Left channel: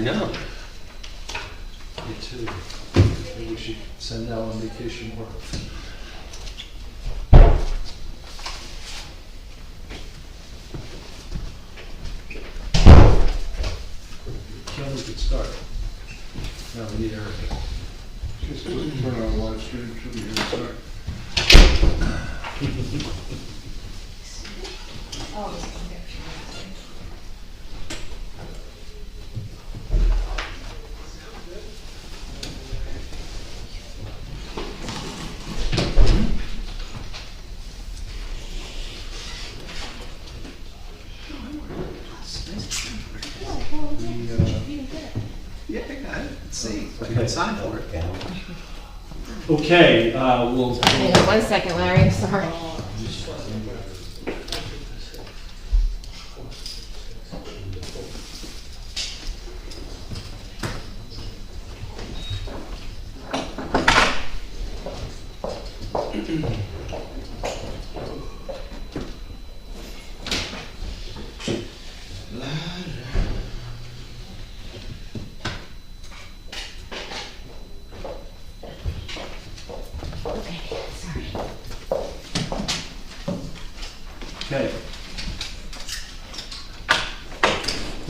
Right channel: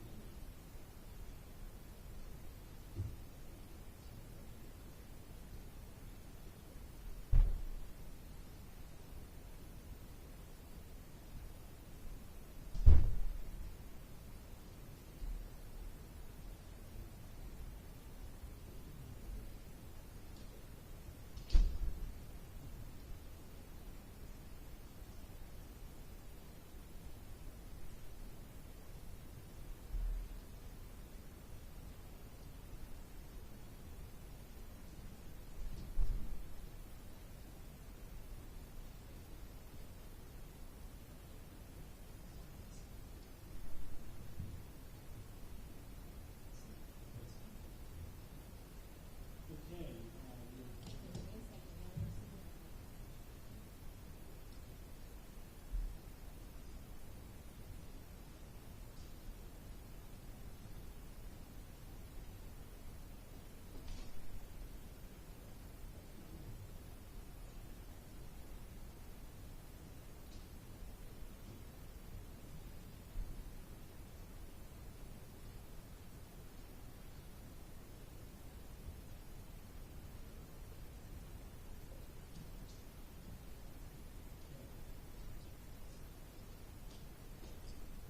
know. Me too. Maybe we should send Al on vacation more. Can we could start? No, we need everything. Just turn on live stream, should be here to start. Yeah, I didn't see. I can sign for it. Okay, we'll. Hang on 1 second, Larry, sorry. Okay, sorry. Okay.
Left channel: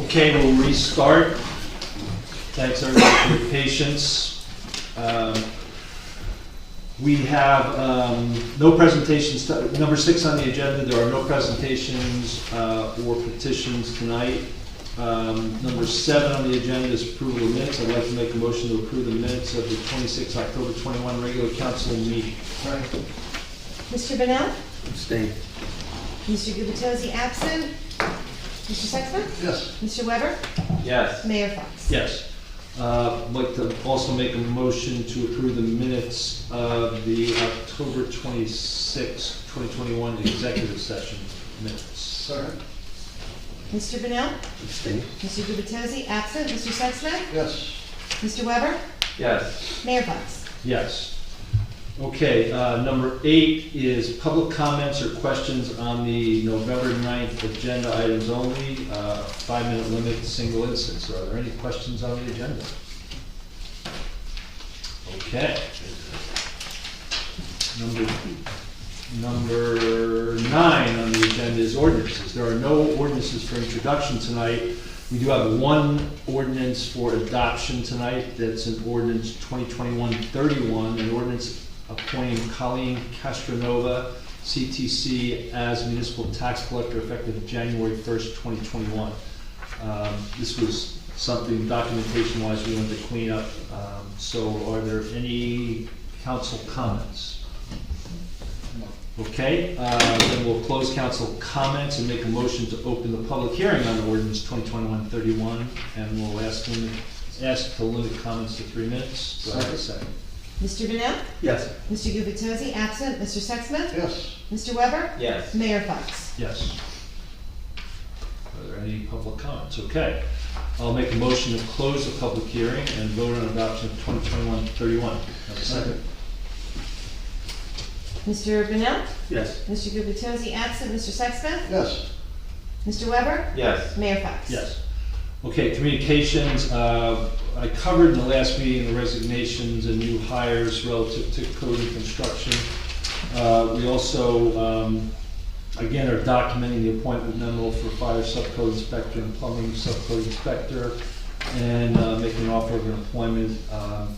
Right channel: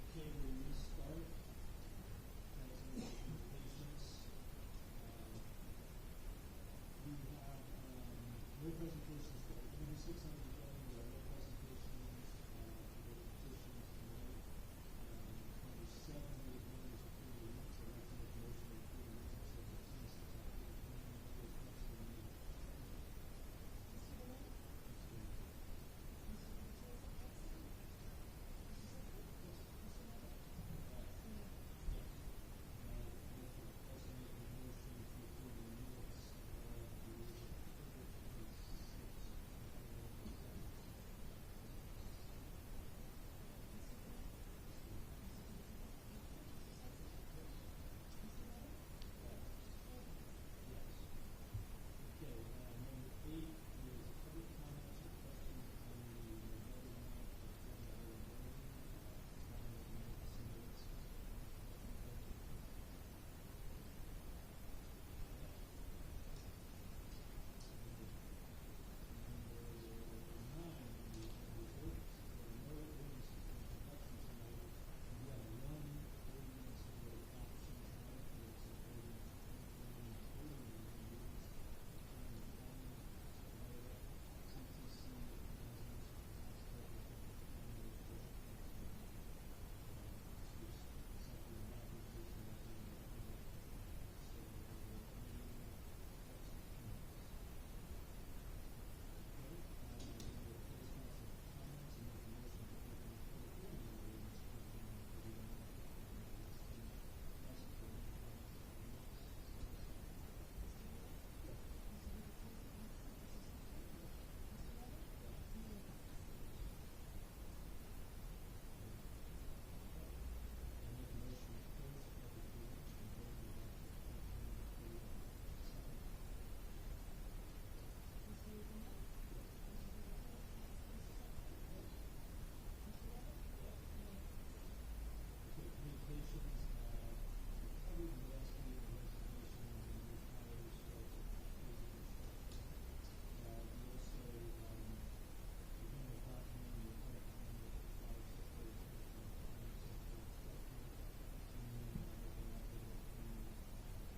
Okay, we'll restart. Thanks everybody for your patience. We have no presentations, number 6 on the agenda, there are no presentations or petitions tonight. Number 7 on the agenda is approval of minutes. I'd like to make a motion to approve the minutes of the 26 October 21 regular council meeting. Mr. Bennell? Abstain. Mr. Gubatose absent? Mr. Sexton? Yes. Mr. Weber? Yes. Mayor Fox? Yes. I'd like to also make a motion to approve the minutes of the October 26, 2021 executive session minutes. Second. Mr. Bennell? Abstain. Mr. Gubatose absent? Mr. Sexton? Yes. Mr. Weber? Yes. Mayor Fox? Yes. Okay, number 8 is public comments or questions on the November 9th agenda items only, 5-minute limit, single instance. Are there any questions on the agenda? Okay. Number 9 on the agenda is ordinances. There are no ordinances for introduction tonight. We do have one ordinance for adoption tonight. That's an ordinance 2021-31, an ordinance appointing Colleen Castronova, CTC, as municipal tax collector effective January 1st, 2021. This was something documentation-wise we wanted to clean up. So are there any council comments? Okay, then we'll close council comments and make a motion to open the public hearing on ordinance 2021-31, and we'll ask to limit comments to 3 minutes. Do I have a second? Mr. Bennell? Yes. Mr. Gubatose absent? Mr. Sexton? Yes. Mr. Weber? Yes. Mayor Fox? Yes. Are there any public comments? Okay. I'll make a motion to close the public hearing and vote on adoption of 2021-31. Have a second? Mr. Bennell? Yes. Mr. Gubatose absent? Mr. Sexton? Yes. Mr. Weber? Yes. Mayor Fox? Yes. Okay, communications, I covered in the last meeting the resignations and new hires relative to code and construction. We also, again, are documenting the appointment memo for fire subcode inspector and plumbing subcode inspector, and making an offer of employment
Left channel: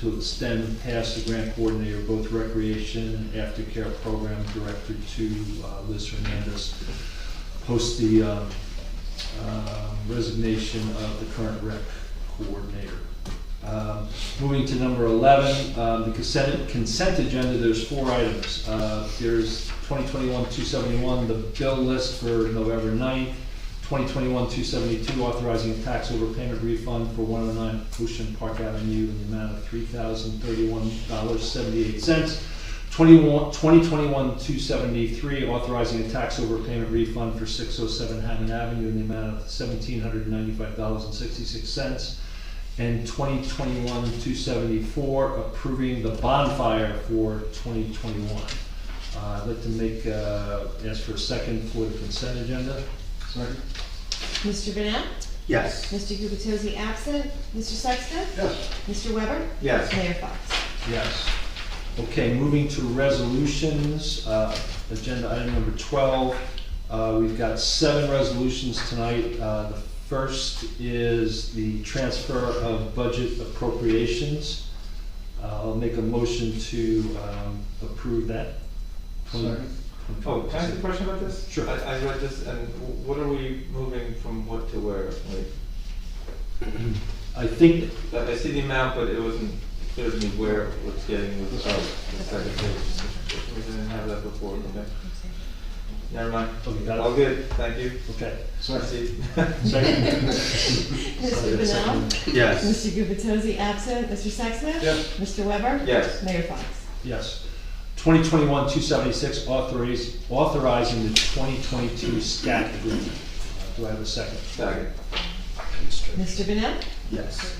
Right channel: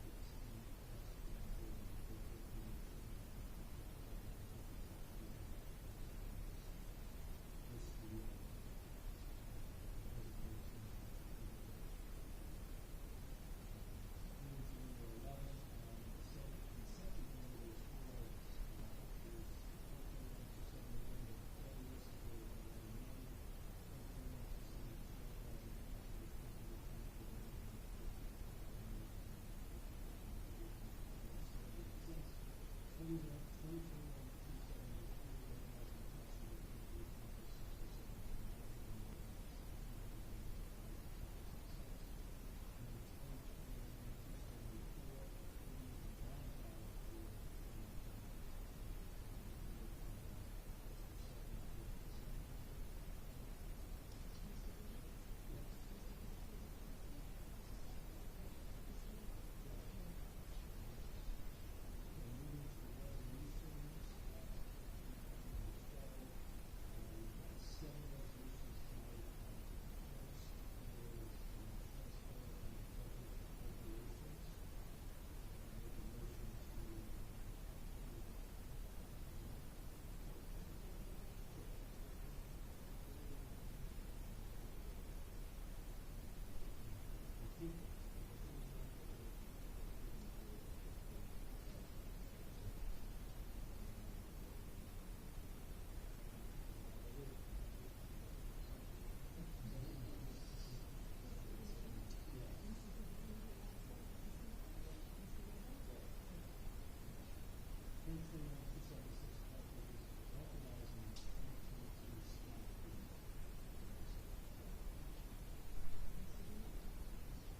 to extend past the grant coordinator, both recreation and aftercare program director, to Liz Hernandez, post the resignation of the current rec coordinator. Moving to number 11, the consent agenda, there's 4 items. There's 2021-271, the bill list for November 9th, 2021-272, authorizing a tax overpayment refund for 109 Ocean Park Avenue in the amount of $3,031.78. 2021-273, authorizing a tax overpayment refund for 607 Hammond Avenue in the amount of $1,795.66. And 2021-274, approving the bonfire for 2021. I'd like to ask for a second for the consent agenda. Second. Mr. Bennell? Yes. Mr. Gubatose absent. Mr. Sexsmith? Yes. Mr. Weber? Yes. Mayor Fox? Yes. Okay, moving to resolutions, agenda item number 12. We've got 7 resolutions tonight. The first is the transfer of budget appropriations. I'll make a motion to approve that. Second. Oh, can I ask a question about this? Sure. I read this, and what are we moving from what to where? Like, I think, I see the amount, but it wasn't clear to me where what's getting the second page. We didn't have that before, okay? Never mind. oh, you got it? All good, thank you. Okay. I Second. see. Second. Mr. Bennell? Yes. Mr. Gubatose absent. Mr. Sexsmith? Yes. Mr. Weber? Yes. Mayor Fox? Yes. 2021-276, authorizing the 2022 SCAT agreement. Do I have a second? Second. Mr. Bennell? Yes.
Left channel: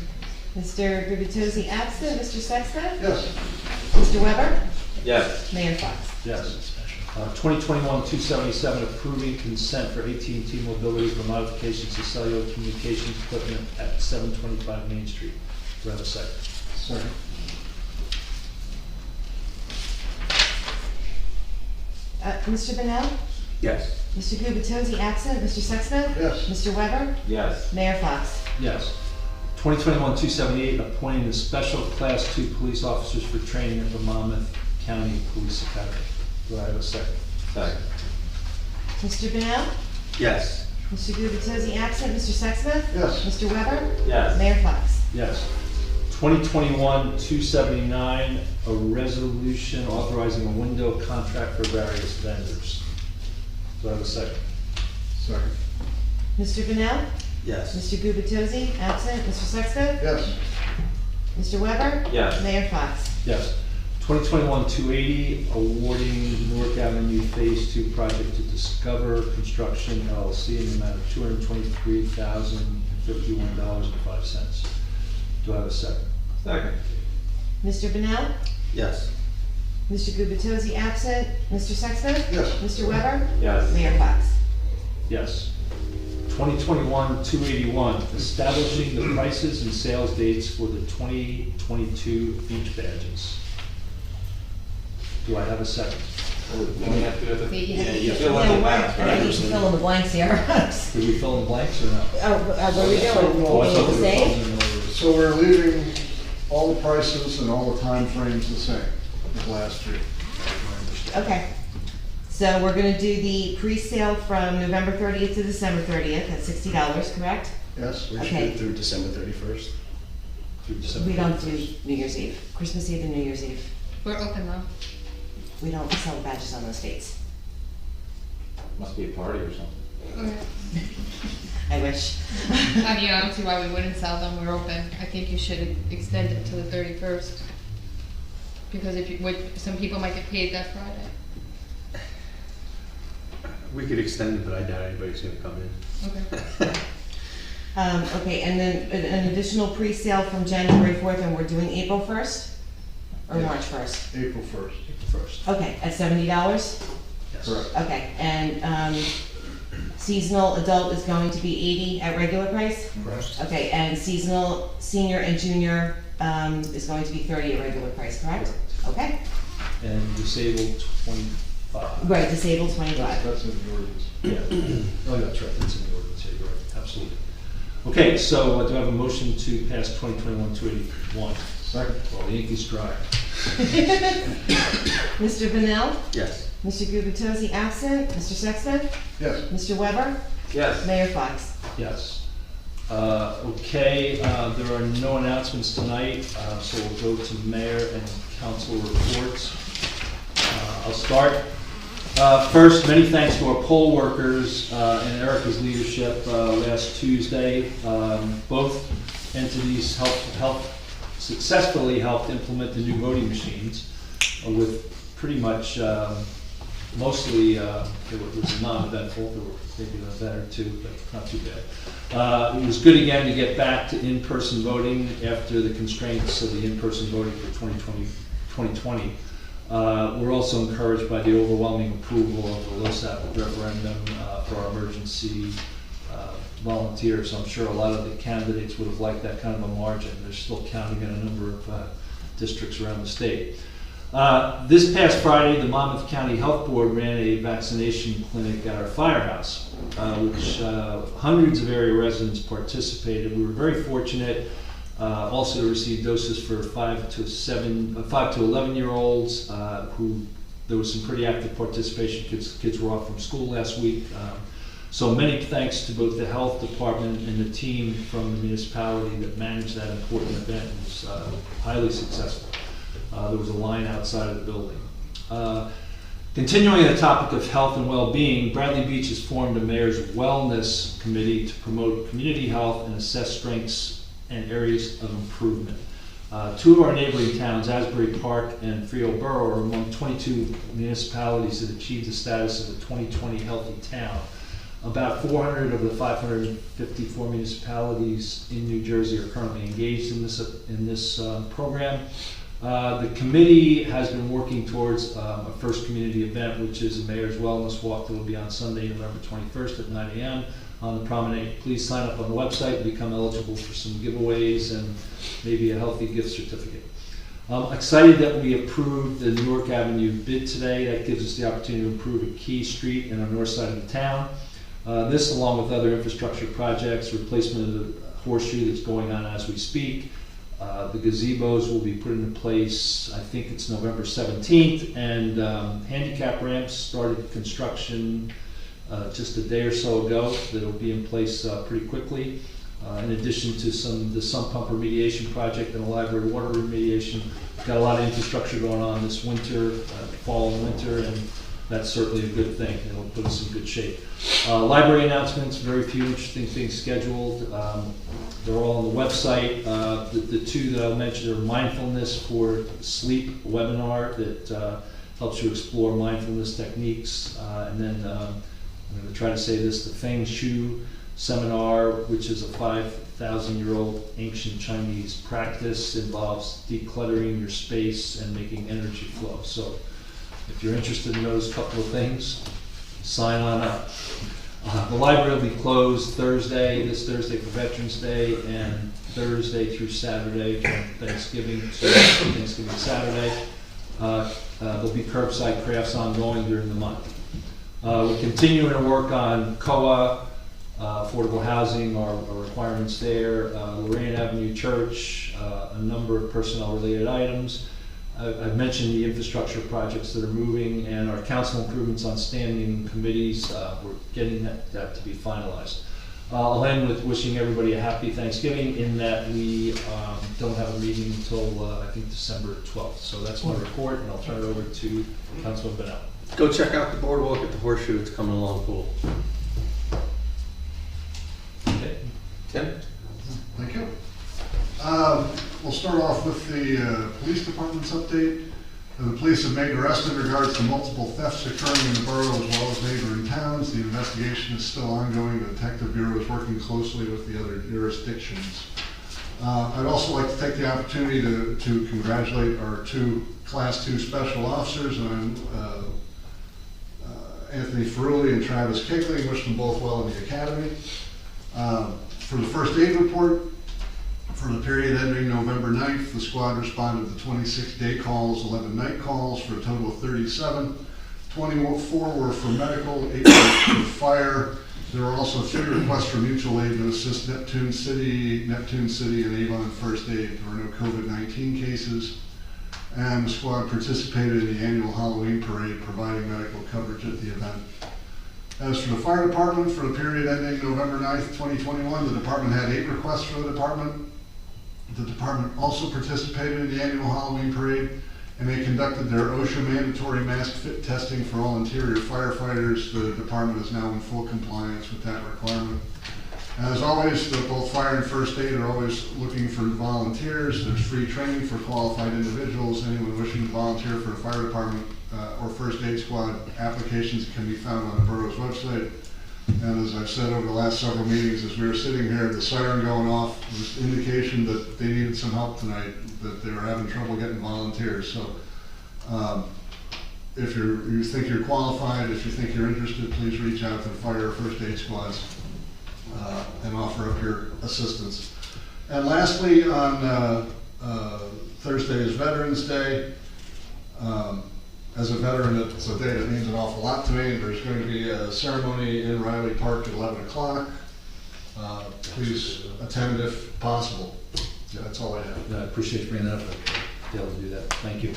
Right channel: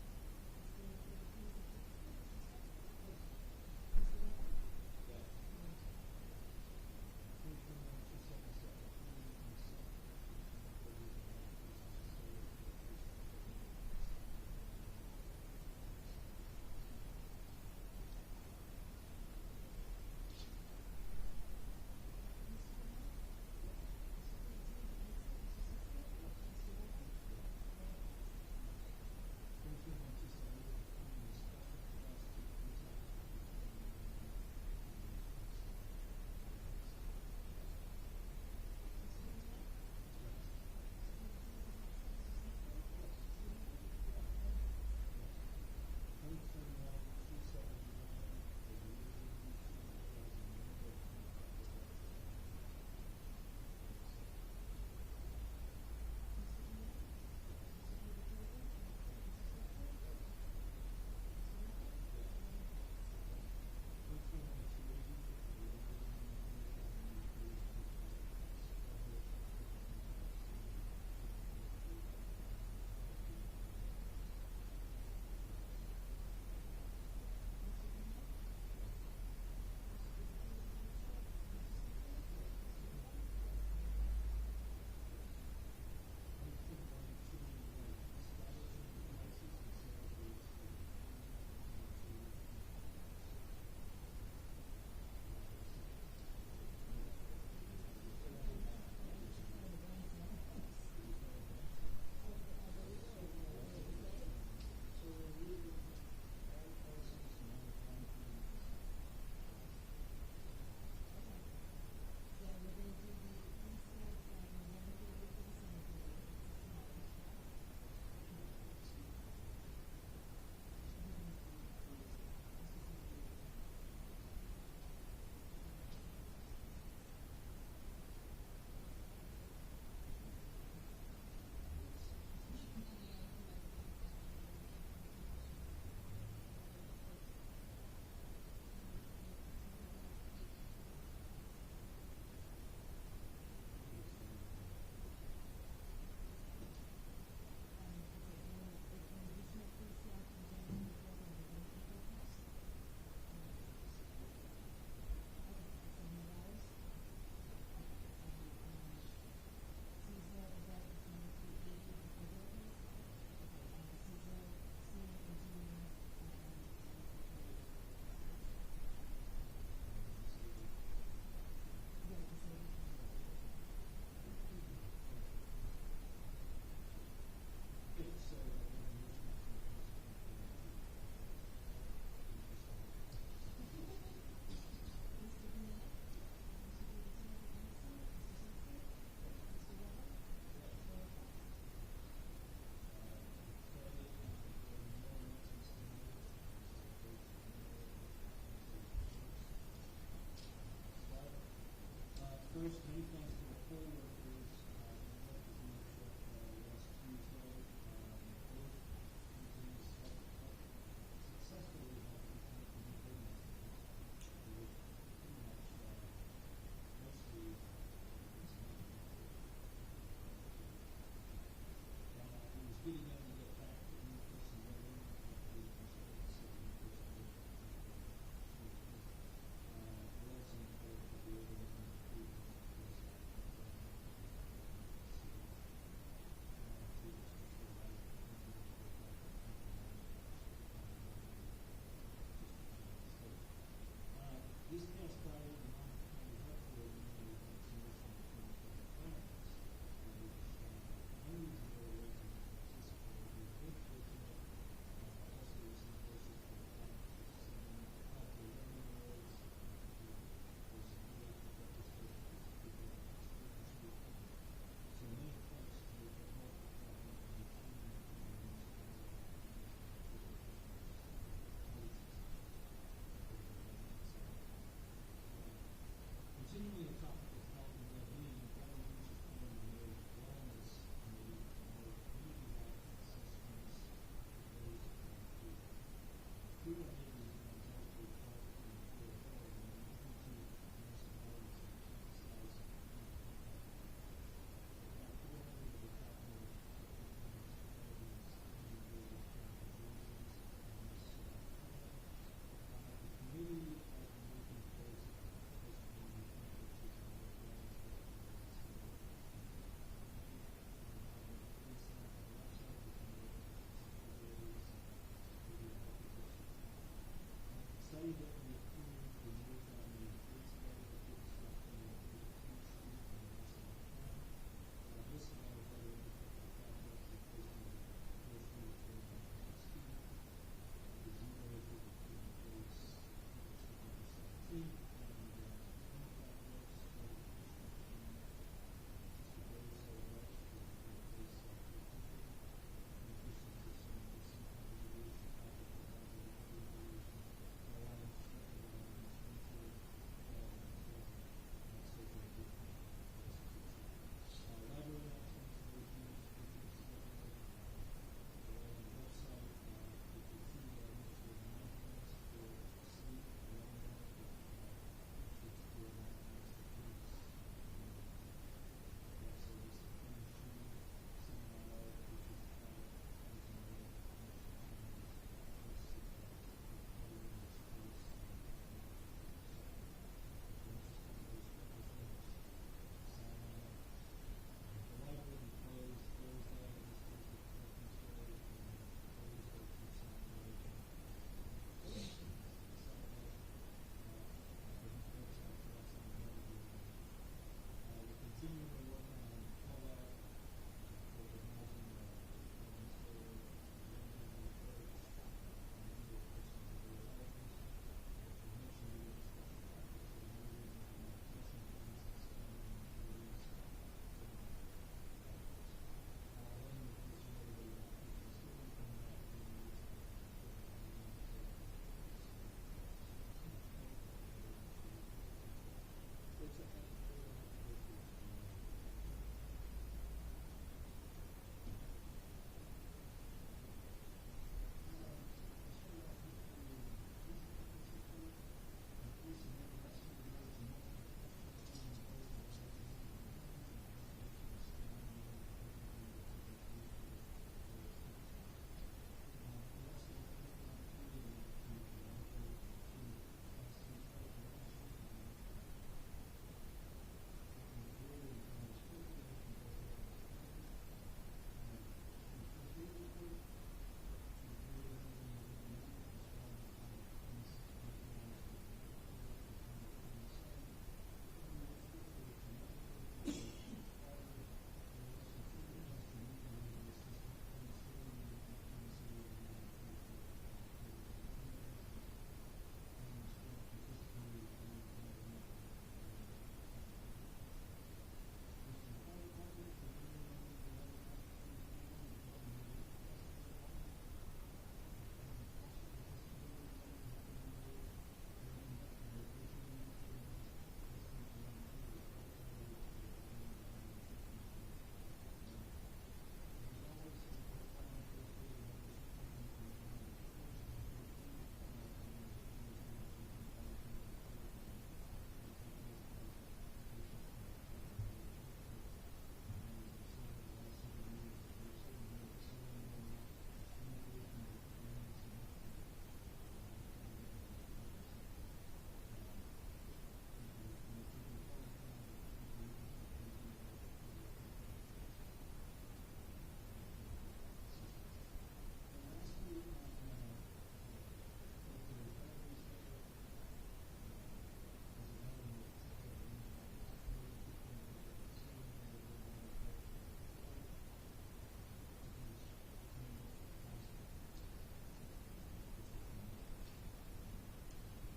Mr. Gubatose absent. Mr. Sexsmith? Yes. Mr. Weber? Yes. Mayor Fox? Yes. 2021-277, approving consent for AT&T Mobility for modifications to cellular communications equipment at 725 Main Street. Do I have a second? Second. Mr. Bennell? Yes. Mr. Gubatose absent. Mr. Sexsmith? Yes. Mr. Weber? Yes. Mayor Fox? Yes. 2021-278, appointing the special Class 2 police officers for training at the Monmouth County Police Academy. Do I have a second? Second. Mr. Bennell? Yes. Mr. Gubatose absent. Mr. Sexsmith? Yes. Mr. Weber? Yes. Mayor Fox? Yes. 2021-279, a resolution authorizing a window contract for various vendors. Do I have a second? Second. Mr. Bennell? Yes. Mr. Gubatose absent. Mr. Sexsmith? Yes. Mr. Weber? Yes. Mayor Fox? Yes. 2021-280, awarding Newark Avenue Phase 2 project to Discover Construction LLC in the amount of $223,051.05. Do I have a second? Second. Mr. Bennell? Yes. Mr. Gubatose absent. Mr. Sexsmith? Yes. Mr. Weber? Yes. Mayor Fox? Yes. 2021-281, establishing the prices and sales dates for the 2022 beach badges. Do I have a second? We have to do the. you fill in the blanks, right? You should fill in the blanks here. Did we fill in blanks or no? What are we doing? Oh, I thought the we were same? filling in order. So we're leaving all the prices and all the time frames the same as last year. Okay. So we're gonna do the pre-sale from November 30th to December 30th at $60, correct? Yes? We should Okay. do through December 31st. Through December We don't do 31st. New Year's Eve, Christmas Eve and New Year's Eve. We're open though. We don't sell badges on those dates. Must be a party or something. I wish. I mean, I don't see why we wouldn't sell them, we're open. I think you should extend it to the 31st. Because if you, some people might get paid that Friday. We could extend it, but I doubt anybody's gonna come in. Okay. Okay, and then an additional pre-sale from January 4th, and we're doing April 1st? Or Yes. March 1st? April 1st. First. Okay, at $70? Yes. Correct. Okay, and, seasonal adult is going to be 80 at regular price? Correct. Okay, and seasonal senior and junior, is going to be 30 at regular price, correct? Okay, And disabled 25. right, disabled 25. That's in the ordinance. Yeah. Oh, that's right, that's in the ordinance, yeah, you're right, absolutely. Okay, so do I have a motion to pass 2021-281? Second. Well, the ink is dry. Mr. Bennell? Yes. Mr. Gubatose absent. Mr. Sexsmith? Yes. Mr. Weber? Yes. Mayor Fox? Yes. Okay, there are no announcements tonight, so we'll go to mayor and council reports. I'll start. First, many thanks to our poll workers and Erica's leadership last Tuesday. Both entities successfully helped implement the new voting machines with pretty much, mostly, it was non-eventful, there were maybe better too, but not too bad. It was good again to get back to in-person voting after the constraints of the in-person voting for 2020. We're also encouraged by the overwhelming approval of the LoSAP referendum for our emergency volunteer, so I'm sure a lot of the candidates would have liked that kind of a margin. They're still counting in a number of districts around the state. This past Friday, the Monmouth County Health Board ran a vaccination clinic at our firehouse, which hundreds of area residents participated. We were very fortunate also to receive doses for 5 to 11-year-olds who there was some pretty active participation. Kids were off from school last week. So many thanks to both the health department and the team from the municipality that managed that important event. It was highly successful. There was a line outside of the building. Continuing the topic of health and well-being, Bradley Beach has formed a mayor's wellness committee to promote community health and assess strengths and areas of improvement. Two of our neighboring towns, Asbury Park and Frio Borough, are among 22 municipalities that achieved the status of a 2020 healthy town. About 400 of the 554 municipalities in New Jersey are currently engaged in this program. The committee has been working towards a first community event, which is a Mayor's Wellness Walk that will be on Sunday, November 21st at 9 a.m. on the promenade. Please sign up on the website and become eligible for some giveaways and maybe a healthy gift certificate. I'm excited that we approved the Newark Avenue bid today. That gives us the opportunity to improve a key street in our north side of the town. This, along with other infrastructure projects, replacement of the horseshoe that's going on as we speak. The gazebos will be put into place, I think it's November 17th, and handicap ramps started construction just a day or so ago. That'll be in place pretty quickly. In addition to the sump pump remediation project and the library water remediation, we've got a lot of infrastructure going on this winter, fall and winter, and that's certainly a good thing. It'll put us in good shape. Library announcements, very few interesting things scheduled. They're all on the website. The two that I'll mention are mindfulness for sleep webinar that helps you explore mindfulness techniques. And then I'm going to try to say this, the Feng Shui seminar, which is a 5,000-year-old ancient Chinese practice, involves decluttering your space and making energy flow. So if you're interested in those couple of things, sign on up. The library will be closed this Thursday for Veterans Day, and Thursday through Saturday from Thanksgiving to Thanksgiving Saturday. There'll be curbside crafts ongoing during the month. We're continuing to work on COA, affordable housing, our requirements there, Lorraine Avenue Church, a number of personnel-related items. I've mentioned the infrastructure projects that are moving and our council improvements on standing committees. We're getting that to be finalized. I'll end with wishing everybody a happy Thanksgiving in that we don't have a meeting until I think December 12th. So that's my report, and I'll turn it over to Councilman Bennett. Go check out the boardwalk at the horseshoe. It's coming along cool. Okay. Tim? Thank you. We'll start off with the police department's update. The police have made arrests in regards to multiple thefts occurring in the borough as well as neighboring towns. The investigation is still ongoing. The Detective Bureau is working closely with the other jurisdictions. I'd also like to take the opportunity to congratulate our two Class 2 special officers, Anthony Ferrulli and Travis Kigley. Wish them both well in the academy. For the first aid report, for the period ending November 9th, the squad responded to 26 day calls, 11 night calls for a total of 37. 24 were for medical, 8 were for fire. There were also 3 requests for mutual aid to assist Neptune City, and Avon First Aid. There were no COVID-19 cases. And the squad participated in the annual Halloween parade, providing medical coverage at the event. As for the fire department, for the period ending November 9th, 2021, the department had 8 requests for the department. The department also participated in the annual Halloween parade, and they conducted their OSHA mandatory mask fit testing for all interior firefighters. The department is now in full compliance with that requirement. As always, both fire and first aid are always looking for volunteers. There's free training for qualified individuals. Anyone wishing to volunteer for the fire department or first aid squad, applications can be found on the borough's website. And as I've said over the last several meetings, as we were sitting here, the siren going off was indication that they needed some help tonight, that they were having trouble getting volunteers. So if you think you're qualified, if you think you're interested, please reach out to the fire or first aid squads. and offer up your assistance. And lastly, on Thursday is Veterans Day. As a veteran, it's a day that means an awful lot to me. There's going to be a ceremony in Riley Park at 11 o'clock. Please attend if possible. Yeah, that's all I have. I appreciate you bringing that up, Dale, to do that, thank you.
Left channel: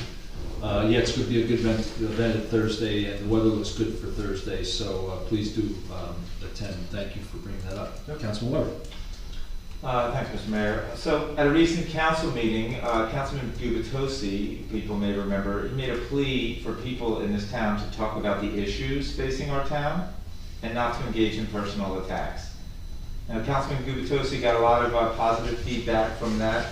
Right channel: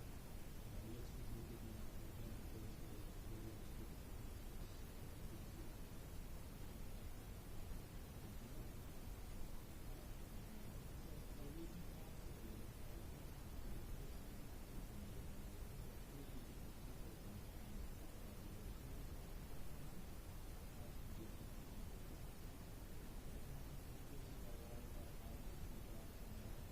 Yeah, it's going to be a good event at Thursday, and the weather looks good for Thursday, so please do attend. Thank you for bringing that up. Councilman Weber. Thanks, Mr. Mayor. So at a recent council meeting, Councilman Gubitosi, people may remember, he made a plea for people in this town to talk about the issues facing our town and not to engage in personal attacks. Now, Councilman Gubitosi got a lot of positive feedback from that,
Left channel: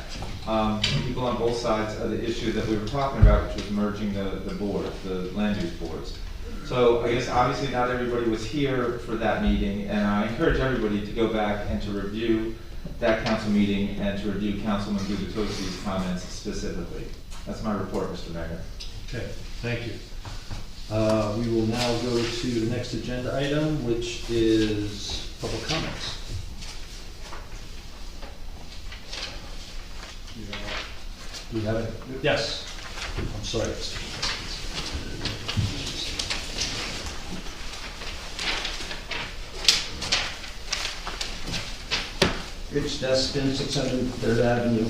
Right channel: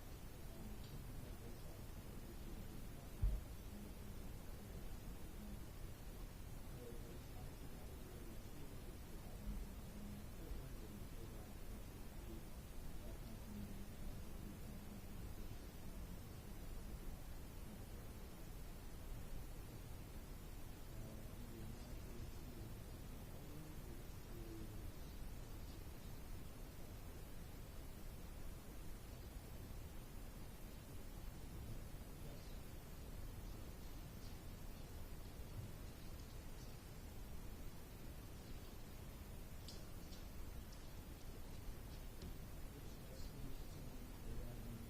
people on both sides of the issue that we were talking about, which was merging the boards, the land use boards. So I guess obviously not everybody was here for that meeting, and I encourage everybody to go back and to review that council meeting and to review Councilman Gubitosi's comments specifically. That's my report, Mr. Mayor. Okay, thank you. We will now go to the next agenda item, which is public comments. We have it? Yes. I'm sorry. Rich Destin, 600 3rd Avenue.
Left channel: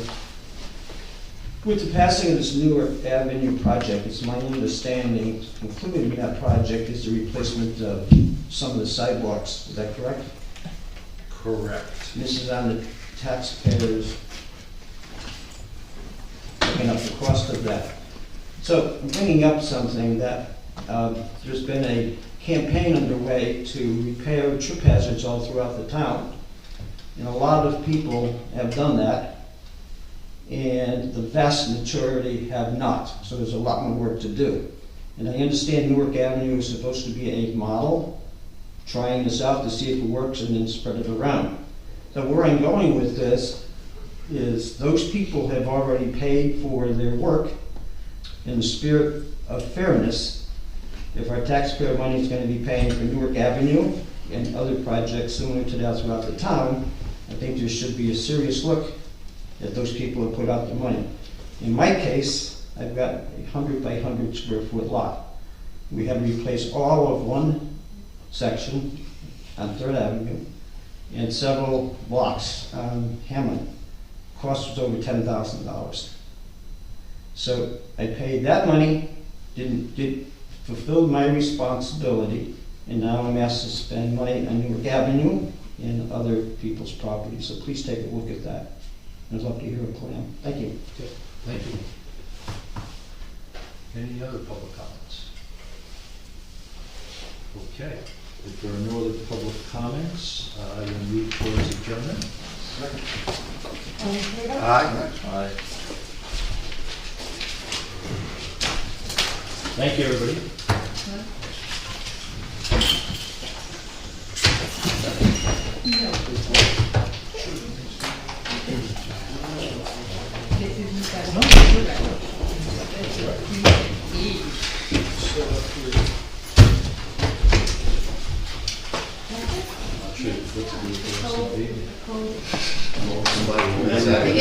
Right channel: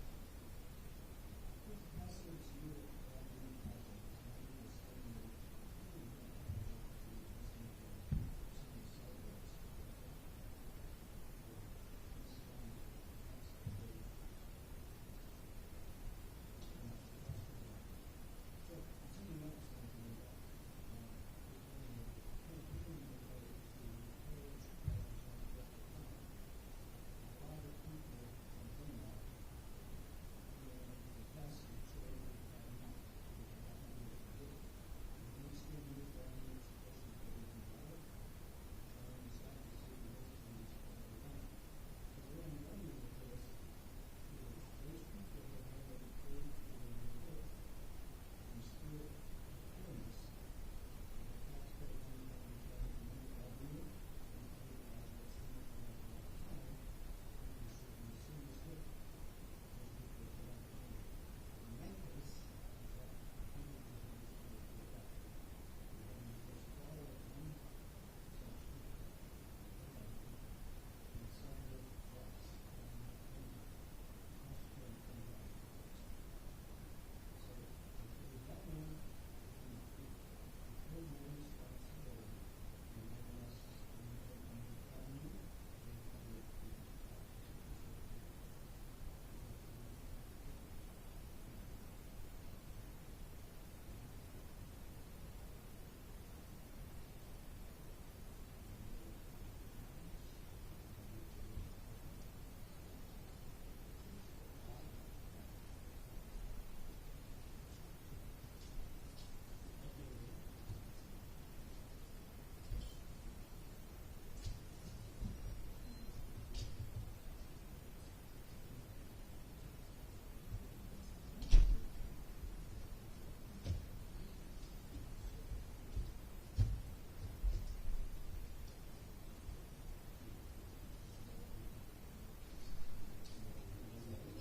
With the passing of this Newark Avenue project, it's my understanding, included in that project is the replacement of some of the sidewalks. Is that correct? Correct. This is on the taxpayers picking up the cost of that. So I'm bringing up something that there's been a campaign underway to repair trip hazards all throughout the town. And a lot of people have done that, and the vast majority have not. So there's a lot more work to do. And I understand Newark Avenue is supposed to be a model, trying this out to see if it works and then spread it around. So where I'm going with this is those people have already paid for their work. In the spirit of fairness, if our taxpayer money is going to be paying for Newark Avenue and other projects similar to that throughout the town, I think there should be a serious look at those people who put out the money. In my case, I've got a 100 by 100 square foot lot. We had to replace all of one section on 3rd Avenue and several blocks on Hammond. Cost was over $10,000. So I paid that money, fulfilled my responsibility, and now I'm asked to spend money on Newark Avenue and other people's property. So please take a look at that. I'd love to hear a plan. Thank you. Okay, thank you. Any other public comments? Okay, if there are no other public comments, I will move towards adjournment. Aye. Thank you, everybody.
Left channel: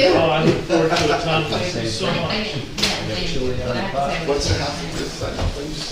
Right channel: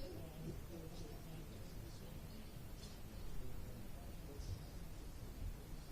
Oh, I look forward to it, Tom. Thank you so much. Chili on the pot. What's happening this side?